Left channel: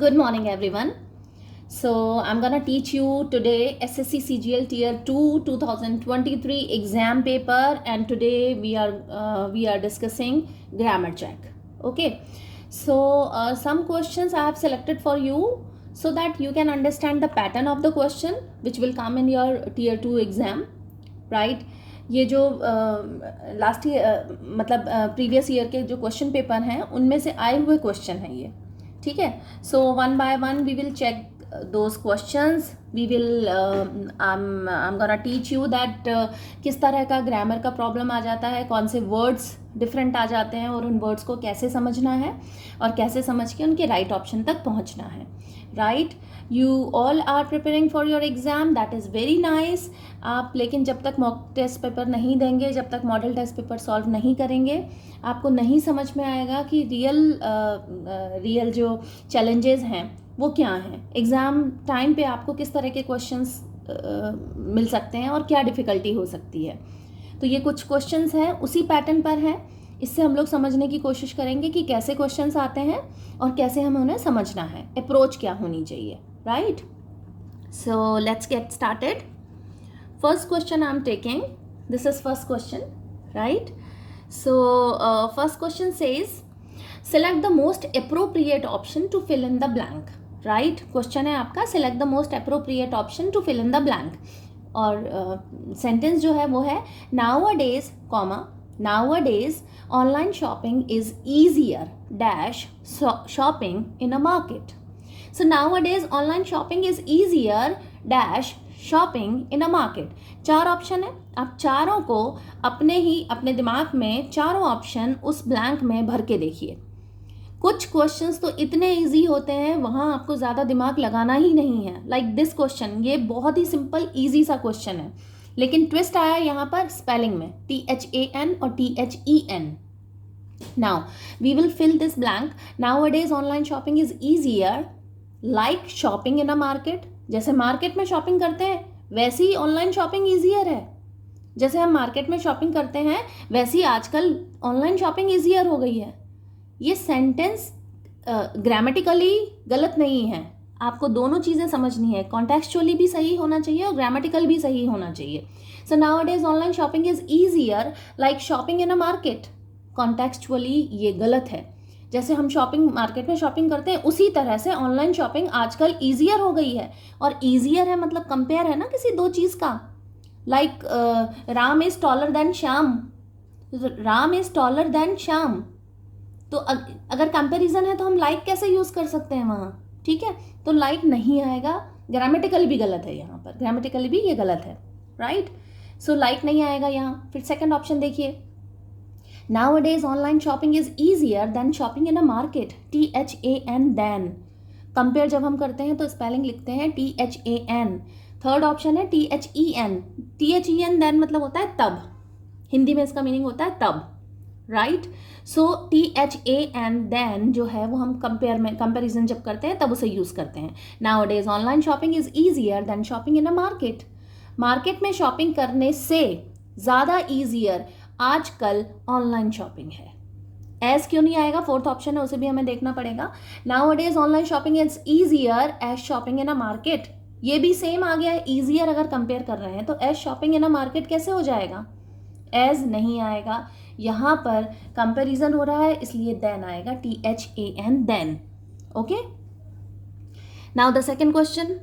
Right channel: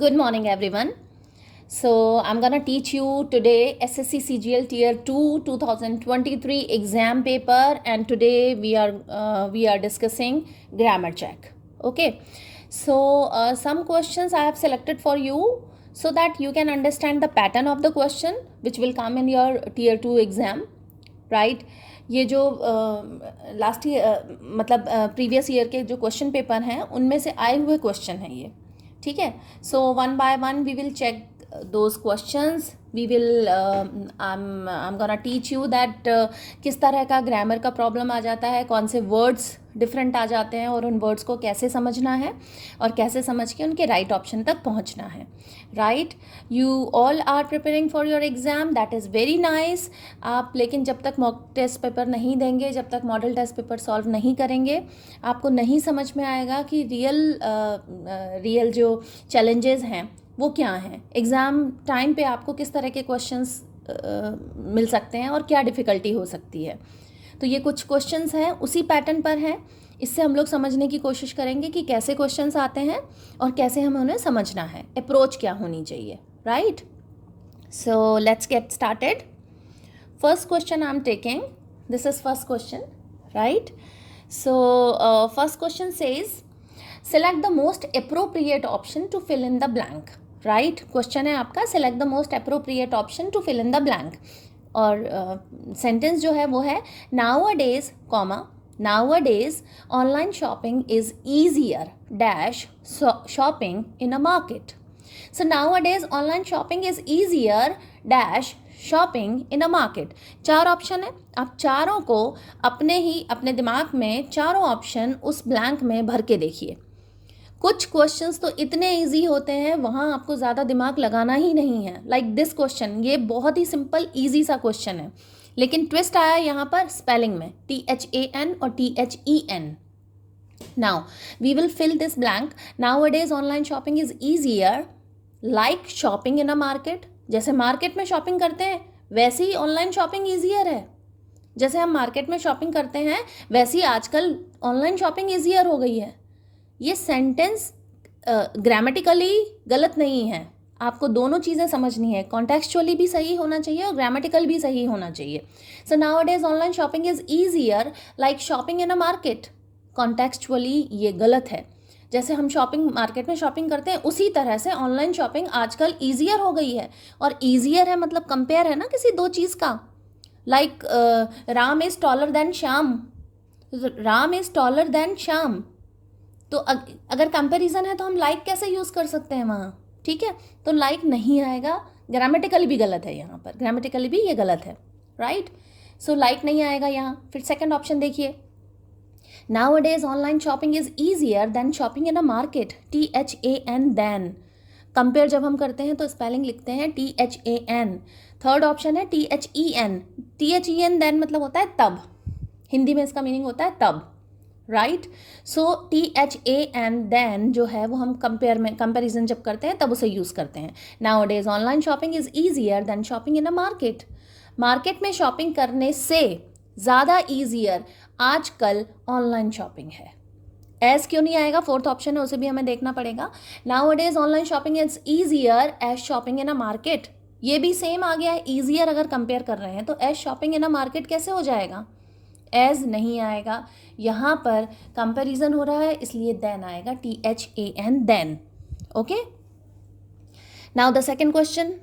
Good morning, everyone. So, I'm gonna teach you today SSC CGL Tier 2 2023 exam paper, and today we are discussing grammar check. Okay. So, some questions I have selected for you so that you can understand the pattern of the question which will come in your Tier 2 exam, right? ये जो last year मतलब previous year के जो question paper हैं उनमें से आए हुए क्वेश्चन हैं ये, ठीक है. So one by one we will check those questions. We will I am gonna teach you that किस तरह का ग्रामर का प्रॉब्लम आ जाता है, कौन से वर्ड्स डिफरेंट आ जाते हैं और उन वर्ड्स को कैसे समझना है और कैसे समझ के उनके राइट ऑप्शन तक पहुंचना है. Right, you all are preparing for your exam, that is very nice. आप लेकिन जब तक मॉक टेस्ट पेपर नहीं देंगे, जब तक मॉडल टेस्ट पेपर सॉल्व नहीं करेंगे, आपको नहीं समझ में आएगा कि रियल जो चैलेंजेस हैं वो क्या हैं. एग्ज़ाम टाइम पे आपको किस तरह के क्वेश्चंस मिल सकते हैं और क्या डिफ़िकल्टी हो सकती है. तो ये कुछ क्वेश्चंस हैं, उसी पैटर्न पर हैं. इससे हम लोग समझने की कोशिश करेंगे कि कैसे क्वेश्चंस आते हैं और कैसे हमें उन्हें समझना है, अप्रोच क्या होनी चाहिए. Right, so let's get started. First question I am taking, this is first question. Right, so first question says select the most appropriate option to fill in the blank. Right, question है आपका select the most appropriate option to fill in the blank. और sentence जो है वो है nowadays comma nowadays online shopping is easier dash shopping in a market. So nowadays online shopping is easier dash shopping in a market. 4 option है. आप चारों को अपने दिमाग में चारों ऑप्शन उस ब्लैंक में भर के देखिए. कुछ क्वेश्चंस तो इतने इजी होते हैं वहाँ आपको ज़्यादा दिमाग लगाना ही नहीं है. लाइक दिस क्वेश्चन, ये बहुत ही सिंपल इजी सा क्वेश्चन है, लेकिन ट्विस्ट आया यहाँ पर स्पेलिंग में, THAN और THEN. Now we will fill this blank. Nowadays online shopping is easier like shopping in a market. जैसे मार्केट में शॉपिंग करते हैं वैसे ही ऑनलाइन शॉपिंग ईजियर है. जैसे हम मार्केट में शॉपिंग करते हैं वैसे ही आजकल ऑनलाइन शॉपिंग ईजियर हो गई है. ये सेंटेंस ग्रामेटिकली गलत नहीं है. आपको दोनों चीज़ें समझनी है, कॉन्टेक्चुअली भी सही होना चाहिए और ग्रामेटिकल भी सही होना चाहिए. So nowadays online shopping is easier like shopping in a market. Contextually ये गलत है. जैसे हम शॉपिंग मार्केट में शॉपिंग करते हैं उसी तरह से ऑनलाइन शॉपिंग आजकल ईजियर हो गई है. और ईजियर है मतलब कंपेयर है ना किसी दो चीज़ का. Like Ram is taller than Shyam. Ram is taller than Shyam. तो अगर कंपैरिजन है तो हम लाइक कैसे यूज़ कर सकते हैं वहाँ. ठीक है, तो लाइक नहीं आएगा. ग्रामेटिकली भी गलत है यहाँ पर, ग्रामेटिकली भी ये गलत है. राइट, सो लाइक नहीं आएगा यहाँ. फिर सेकंड ऑप्शन देखिए, Nowadays online shopping is easier than shopping in a market. THAN then. Compare जब हम करते हैं तो स्पेलिंग लिखते हैं THAN. थर्ड ऑप्शन है THEN. THEN then मतलब होता है तब. हिंदी में इसका मीनिंग होता है तब. राइट, सो THAN then जो है वो हम कंपेरिजन जब करते हैं तब उसे यूज़ करते हैं. Nowadays online shopping is easier than shopping in a market. Market में शॉपिंग करने से ज़्यादा ईजियर आजकल ऑनलाइन शॉपिंग है. एज क्यों नहीं आएगा, फोर्थ ऑप्शन है, उसे भी हमें देखना पड़ेगा. Nowadays online shopping is easier as shopping in a market. ये भी सेम आ गया है. ईजियर अगर कंपेयर कर रहे हैं तो as shopping in a market कैसे हो जाएगा. एज नहीं आएगा, यहाँ पर कंपेरिजन हो रहा है इसलिए देन आएगा. THAN then. Okay, now the second question.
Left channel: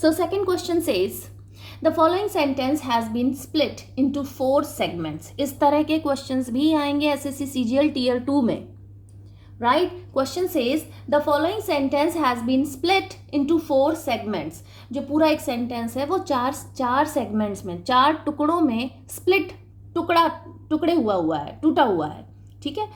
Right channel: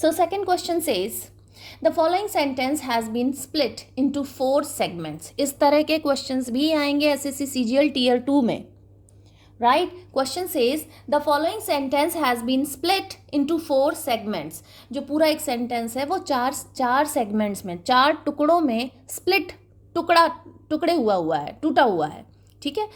So second question says The following sentence has been split into 4 segments. इस तरह के questions भी आएंगे SSC CGL Tier 2 में. Right? Question says the following sentence has been split into 4 segments. जो पूरा एक sentence है वो चार segments में, 4 टुकड़ों में split, टुकड़े हुआ है, टूटा हुआ है. ठीक है.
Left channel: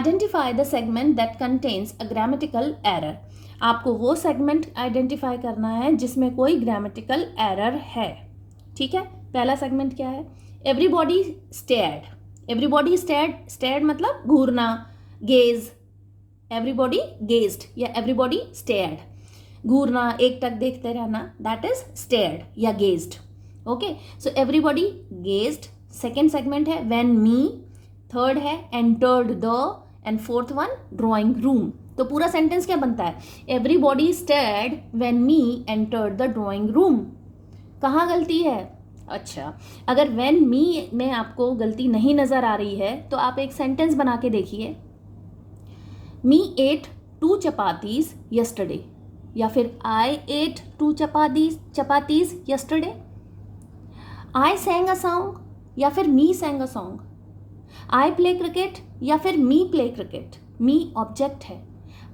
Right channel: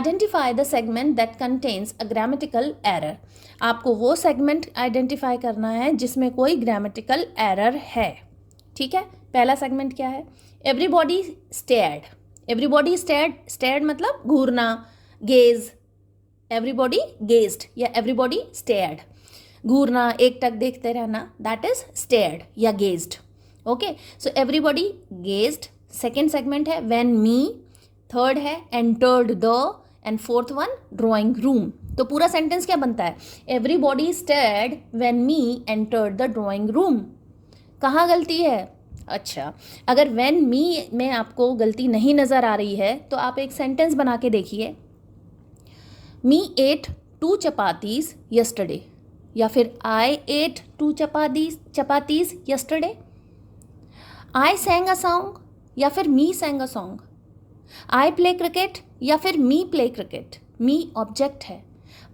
Identify the segment that contains a grammatical error. आपको वो सेगमेंट आइडेंटिफाई करना है जिसमें कोई ग्रामेटिकल एरर है. ठीक है, पहला सेगमेंट क्या है. Everybody stared. एवरीबॉडी स्टेयर्ड मतलब घूरना, गेज. एवरीबॉडी गेज्ड या एवरीबॉडी स्टेयर्ड. घूरना, एक टक देखते रहना, दैट इज स्टेयर्ड या gazed. Okay, so everybody gazed. Second segment है व्हेन मी. थर्ड है entered the. And fourth one drawing room. तो पूरा सेंटेंस क्या बनता है? Everybody stared when me entered the drawing room. कहाँ गलती है? अच्छा, अगर व्हेन मी में आपको गलती नहीं नज़र आ रही है तो आप एक सेंटेंस बना के देखिए, मी एट 2 चपातीज यस्टरडे, या फिर I ate 2 chapatis yesterday, I sang a song या फिर me sang a song, I play cricket या फिर me play cricket. Me object है,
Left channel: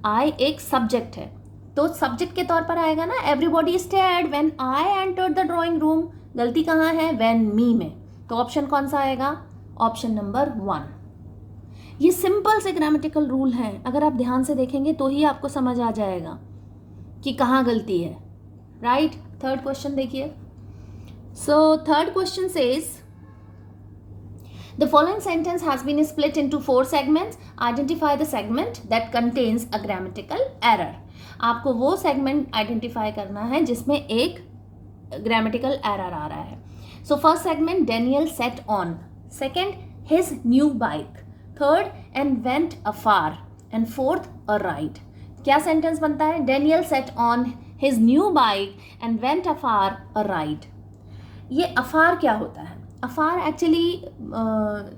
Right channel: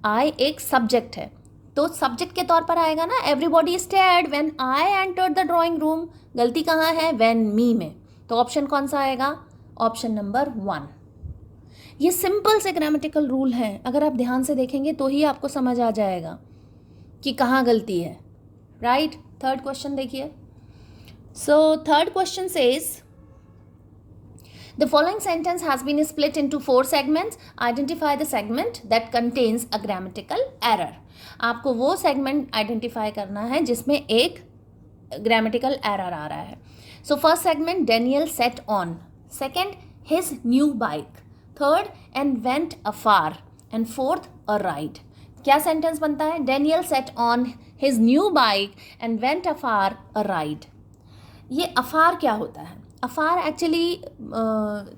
आई एक सब्जेक्ट है, तो सब्जेक्ट के तौर पर आएगा ना, everybody stared when I entered the drawing room. गलती कहाँ है? व्हेन मी में। तो ऑप्शन कौन सा आएगा? Option number 1। ये सिंपल से ग्रामेटिकल रूल है, अगर आप ध्यान से देखेंगे तो ही आपको समझ आ जाएगा कि कहाँ गलती है, राइट? थर्ड क्वेश्चन देखिए। So third question says the following sentence has been split into 4 segments. Identify the segment that contains a grammatical error. आपको वो segment identify करना है जिसमें एक grammatical error आ रहा है. So first segment, Daniel sat on. Second, his new bike. Third, and went afar. And fourth, a ride. क्या sentence बनता है? Daniel sat on his new bike and went afar, a ride. ये afar क्या होता है? अफार actually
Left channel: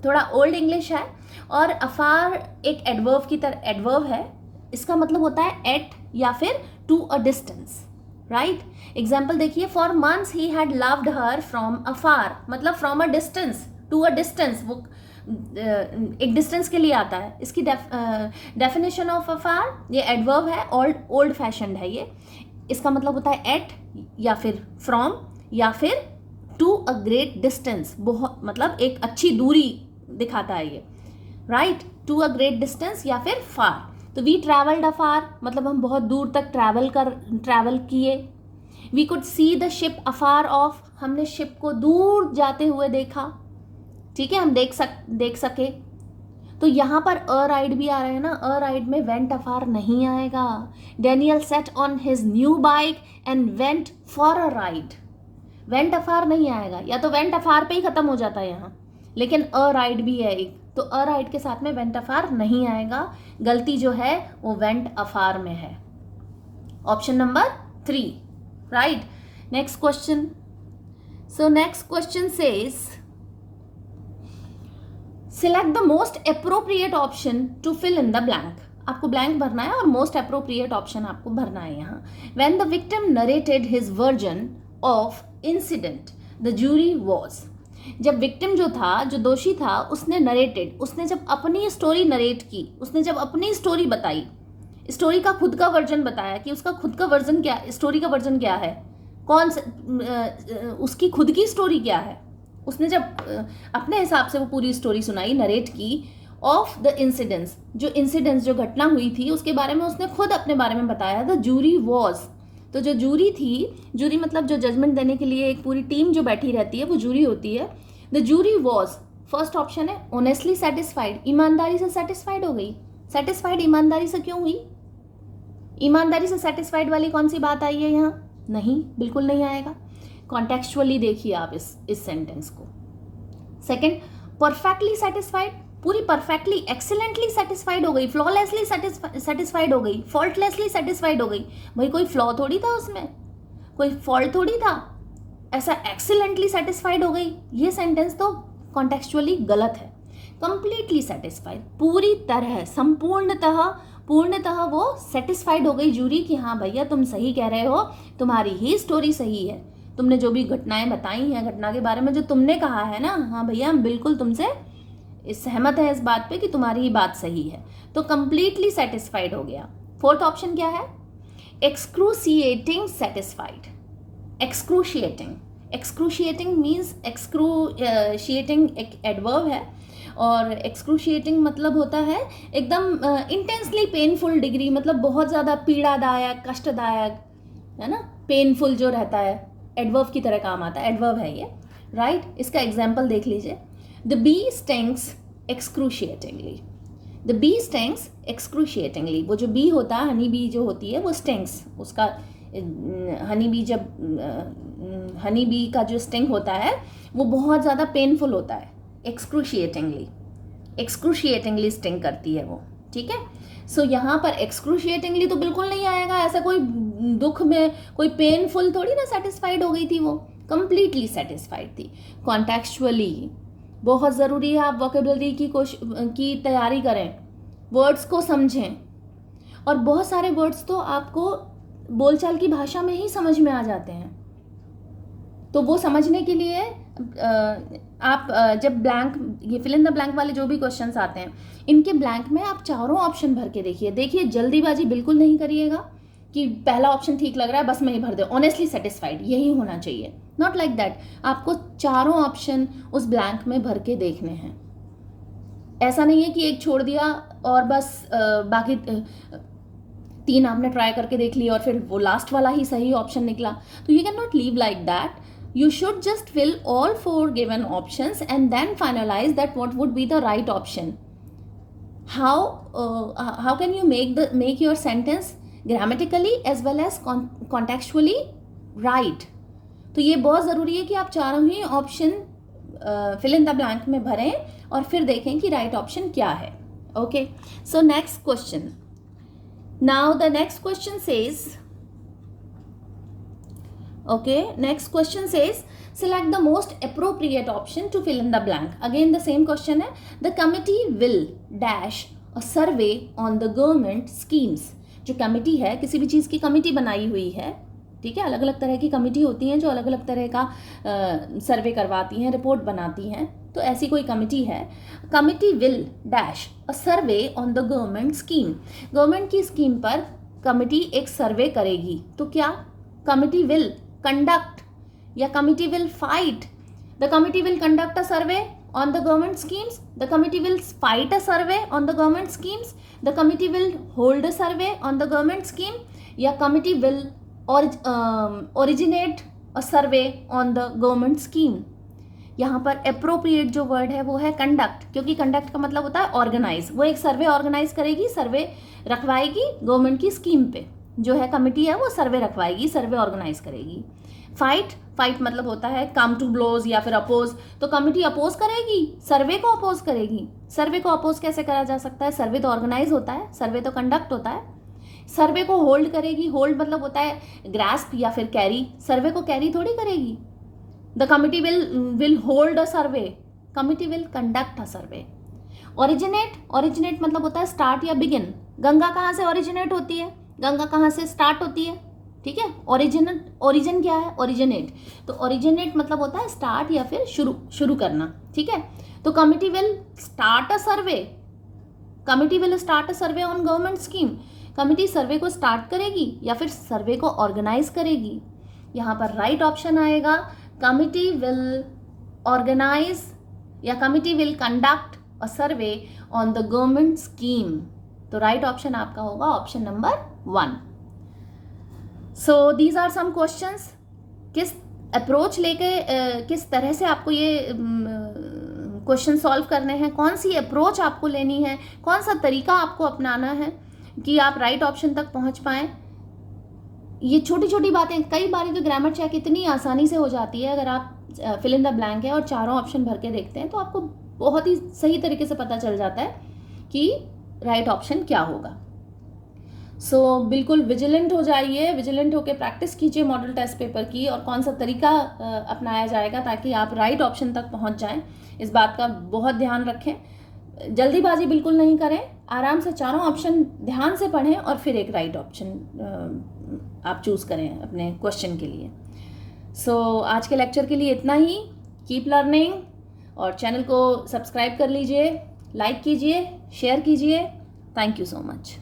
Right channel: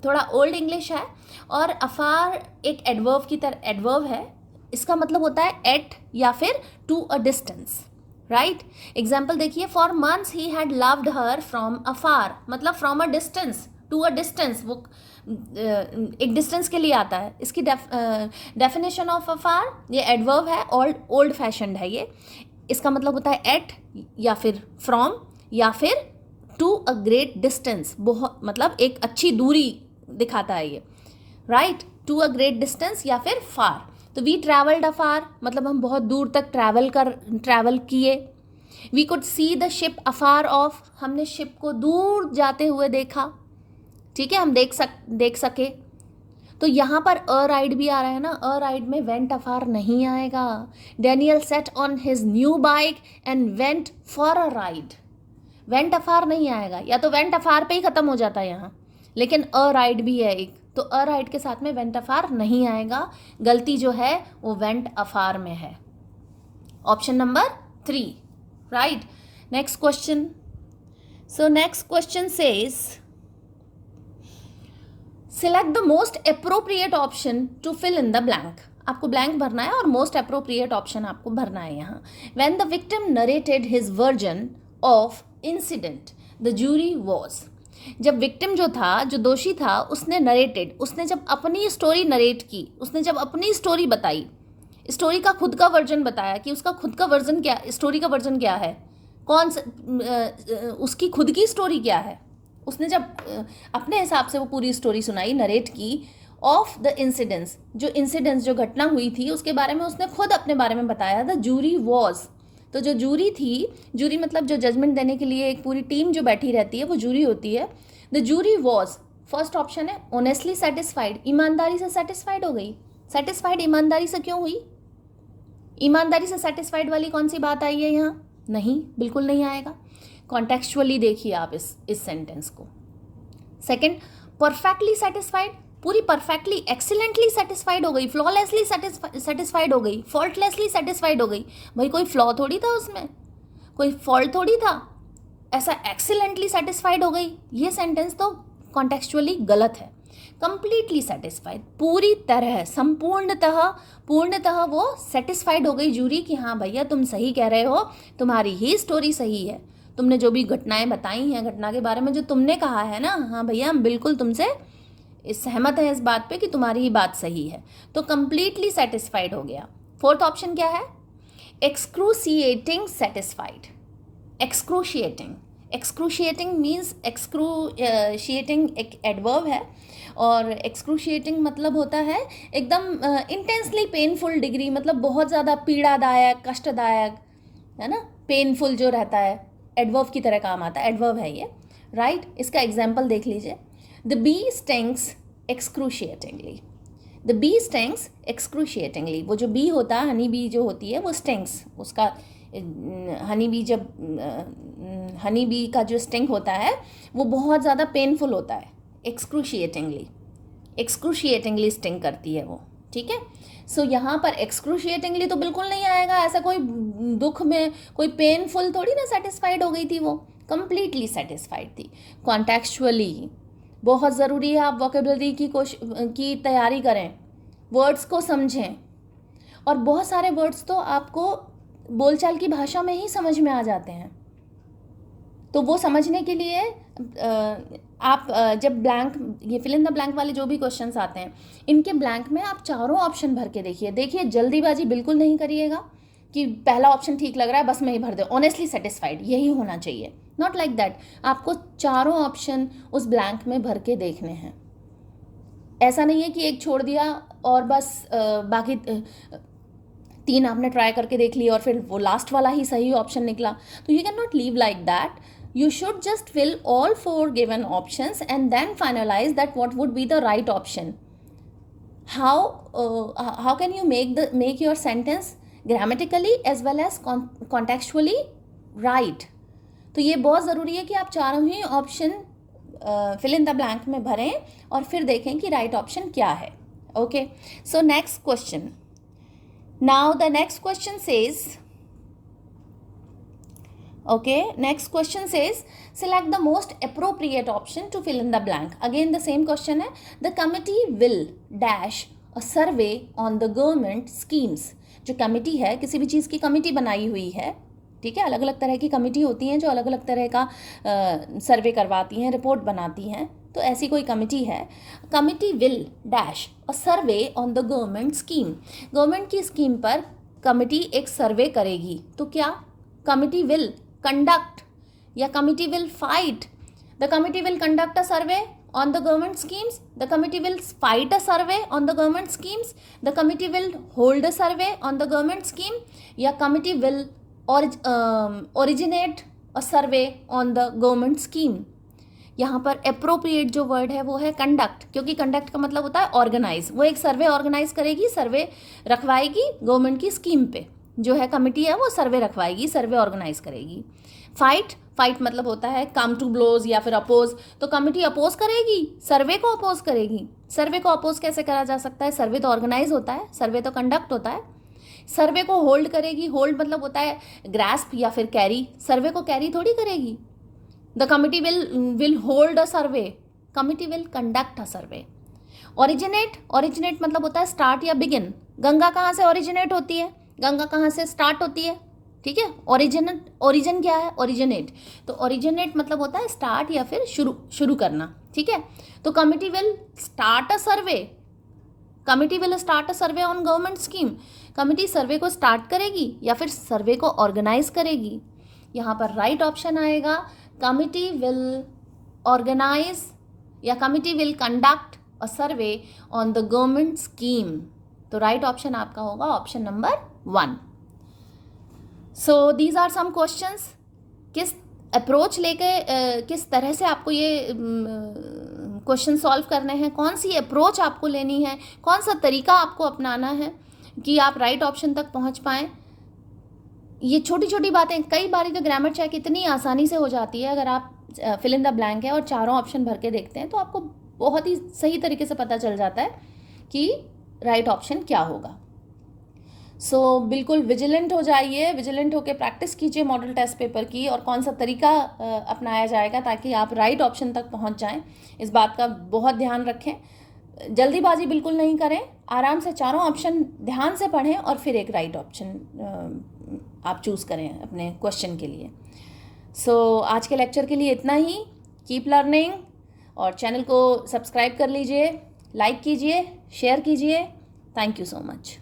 थोड़ा old English है, और अफार एक एडवर्ब की तरह एडवर्ब है। इसका मतलब होता है एट या फिर to a distance, right? Example देखिए, for months he had loved her from afar, मतलब from a distance to a distance, वो एक डिस्टेंस के लिए आता है। इसकी डेफिनेशन ऑफ अफार, ये एडवर्ब है, ओल्ड फैशन्ड है ये। इसका मतलब होता है एट या फिर फ्रॉम या फिर टू अ ग्रेट डिस्टेंस, बहुत मतलब एक अच्छी दूरी दिखाता है ये, right? To a great distance या फिर फार। तो वी ट्रैवल्ड अफार, मतलब हम बहुत दूर तक ट्रैवल किए। We could see the ship afar off, हमने शिप को दूर जाते हुए देखा, ठीक है, हम देख सके। तो यहाँ पर अ राइड भी आ रहा है ना, अ राइड में वेंट अफार नहीं आएगा। Daniel set on his new bike and went for a ride, went afar नहीं आएगा, या तो वेंट अफार पे ही खत्म हो जाता है यहाँ, लेकिन अ राइड भी है एक, तो अ राइड के साथ में वेंट अफार नहीं आएगा। गलती जो है वो वेंट अफार में है, option number 3, right? Next question. So next question says select the most appropriate option to fill in the blank. आपको ब्लैंक भरना है और मोस्ट अप्रोप्रिएट ऑप्शन आपको भरना है यहाँ। When the victim narrated his version of incident the jury was, जब victim जो था, जो दोषी था, उसने नरेटेड, उसने जब अपनी स्टोरी नरेट की, उसने जब अपनी स्टोरी बताई, स्टोरी का खुद का वर्जन बताया कि उसका खुद का वर्जन क्या, स्टोरी का वर्जन क्या है, कौन सा उसकी खुद की स्टोरी क्या है, उसने जब अपने हिसाब से वो पूरी स्टोरी सुनाई, नरेट की, ऑफ द इंसिडेंट्स, जो घटना हुई थी उसके बारे में उसने खुद अपने बारे में बताया। द जूरी वॉज, तो जो जूरी थी, जूरी मतलब जो जजमेंट देने के लिए एक पूरी टीम जो बैठी रहती है वो जूरी होती है। The jury was, first option है, ऑनेस्टली सेटिस्फाइड, ईमानदारी से सेटिस्फाइड हो गई। सेटिस्फाइड ईमानदारी से क्यों हुई? ईमानदारी से सेटिस्फाइड वाली कौन सी बात आई है यहाँ? नहीं, बिल्कुल नहीं आएगा। कॉन्टेक्चुअली देखिए आप इस सेंटेंस को। सेकेंड, परफेक्टली सेटिस्फाइड, पूरी परफेक्टली एक्सीलेंटली सेटिस्फाइड हो गई, फ्लॉलेसली सेटिस्फाइड हो गई, फॉल्टलेसली सेटिस्फाइड हो गई। भाई कोई फ्लॉ थोड़ी था उसमें, कोई फॉल्ट थोड़ी था, ऐसा एक्सीलेंटली सेटिस्फाइड हो गई। ये सेंटेंस तो कॉन्टेक्चुअली गलत है। कंप्लीटली सेटिस्फाइड, पूरी तरह, पूर्णतः वो सेटिस्फाइड हो गई जूरी कि हाँ भैया तुम सही कह रहे हो, तुम्हारी ही स्टोरी सही है, तुमने जो भी घटनाएं बताई हैं, घटना के बारे में जो तुमने कहा है ना, हाँ भैया हम बिल्कुल तुमसे सहमत है इस बात पे कि तुम्हारी ही बात सही है। तो कंप्लीटली सेटिस्फाइड हो गया। फोर्थ ऑप्शन क्या है? Excruciating satisfied. Excruciating means, excruciating एक एडवर्ब है, और एक्सक्रूशिएटिंग मतलब होता है एकदम इंटेंसली पेनफुल डिग्री, मतलब बहुत ज़्यादा पीड़ादायक, कष्टदायक, है ना, पेनफुल जो रहता है, एडवर्ब की तरह काम आता है, एडवर्ब है ये, राइट? इसका एग्जाम्पल देख लीजिए। The bee stings excruciatingly. The bee stings excruciatingly. वो जो बी होता है, हनी बी जो होती है वो स्टिंग्स, उसका हनी बी का जो स्टिंग होता है वो बहुत ज़्यादा पेनफुल होता है। एक्सक्रूशिएटिंगली स्टिंग करती है वो, ठीक है। सो यहाँ पर एक्सक्रूशिएटिंगली तो बिल्कुल नहीं आएगा, ऐसा कोई दुख में कोई पेनफुल थोड़ी ना सेटिस्फाइड हो गई थी, वो कंप्लीटली सेटिस्फाइड थी। कॉन्टेक्चुअली बहुत ज़रूरी है आप वोकेबलरी की तैयारी करें, वर्ड्स को समझें, और बहुत सारे वर्ड्स तो आपको बोलचाल की भाषा में ही समझ में आ जाते हैं। तो वो समझने के लिए आप जब ब्लैंक, ये फिल इन द ब्लैंक वाले जो भी क्वेश्चंस आते हैं, इनके ब्लैंक में आप चारों ऑप्शन भर के देखिए जल्दीबाजी बिल्कुल नहीं करिएगा कि पहला ऑप्शन ठीक लग रहा है बस मैं ही भर दे, ऑनेस्टली सेटिस्फाइड यही होना चाहिए, नॉट लाइक दैट। आपको चारों ऑप्शन उस ब्लैंक में भर के देखने हैं। ऐसा नहीं है कि एक छोड़ दिया और बस बाकी 3 आपने ट्राई करके देख लिया और फिर वो लास्ट वाला ही सही ऑप्शन निकला। तो you can not leave like that. You should just fill all 4 given options and then finalize that what would be the right option. How can you make your sentence grammatically as well as contextually right? तो ये बहुत ज़रूरी है कि आप चारों ही option fill in the blank में भरें और फिर देखें कि राइट ऑप्शन क्या है। Okay, so next question. Now the next question says, okay, next question says select the most appropriate option to fill in the blank. Again the same question है, the committee will dash a survey on the government schemes. जो committee है, किसी भी चीज़ की committee बनाई हुई है, ठीक है, अलग अलग तरह की कमिटी होती हैं जो अलग अलग तरह का सर्वे करवाती हैं, रिपोर्ट बनाती हैं, तो ऐसी कोई कमिटी है। Committee will dash a survey on the government scheme. Government की स्कीम पर कमिटी एक सर्वे करेगी, तो क्या कमिटी विल conduct या committee will fight? The committee will conduct a survey on the government schemes, the committee will fight a survey on the government schemes, the committee will hold a survey on the government scheme, या committee will originate a survey on the government scheme. यहाँ पर appropriate जो word है वो है conduct, क्योंकि conduct का मतलब होता है organize। वो एक सर्वे ऑर्गेनाइज करेगी, सर्वे रखवाएगी गवर्नमेंट की स्कीम पे, जो है कमिटी है वो सर्वे रखवाएगी, सर्वे ऑर्गेनाइज करेगी। फाइट मतलब होता है कम टू ब्लोज या फिर अपोज, तो कमिटी अपोज करेगी, सर्वे को अपोज करेगी। सर्वे को अपोज कैसे करा जा सकता है? सर्वे तो ऑर्गेनाइज होता है, सर्वे तो कंडक्ट होता है। सर्वे को होल्ड करेगी, होल्ड मतलब होता है ग्रास्प या फिर कैरी, सर्वे को कैरी थोड़ी करेगी। The committee will hold a survey, committee will conduct a survey. Originate मतलब होता है स्टार्ट या बिगिन। गंगा कहाँ से ओरिजिनेट होती है? गंगा कहाँ से स्टार्ट होती है? ठीक है, ओरिजिन क्या है? ओरिजिनेट। तो ओरिजिनेट मतलब होता है स्टार्ट या फिर शुरू करना, ठीक है। तो committee will start a survey, committee will start a survey on government scheme. Committee survey को स्टार्ट करेगी या फिर सर्वे को ऑर्गेनाइज करेगी। यहाँ पर राइट ऑप्शन आएगा कमिटी विल ऑर्गेनाइज या committee will conduct a survey on the government scheme. तो राइट ऑप्शन आपका होगा option number 1। So these are some questions. किस अप्रोच लेके किस तरह से आपको ये क्वेश्चन सॉल्व करने हैं, कौन सी अप्रोच आपको लेनी है, कौन सा तरीका आपको अपनाना है कि आप राइट ऑप्शन तक पहुंच पाएं, ये छोटी छोटी बातें। कई बार तो ग्रामर चेक इतनी आसानी से हो जाती है, अगर आप फिल इन द ब्लैंक है और चारों ऑप्शन भर के देखते हैं तो आपको बहुत ही सही तरीके से पता चल जाता है कि राइट ऑप्शन क्या होगा। सो बिल्कुल विजिलेंट हो जाइए, विजिलेंट होकर प्रैक्टिस कीजिए मॉडल टेस्ट पेपर की, और कौन सा तरीका अपनाया जाएगा ताकि आप राइट ऑप्शन तक पहुंच जाएं, इस बात का बहुत ध्यान रखें। जल्दीबाजी बिल्कुल नहीं करें, आराम से चारों ऑप्शन ध्यान से पढ़ें और फिर एक राइट ऑप्शन आप चूज़ करें अपने क्वेश्चन के लिए। सो आज के लेक्चर के लिए इतना ही। कीप लर्निंग, और चैनल को सब्सक्राइब कर लीजिए, लाइक कीजिए, शेयर कीजिए। Thank you so much.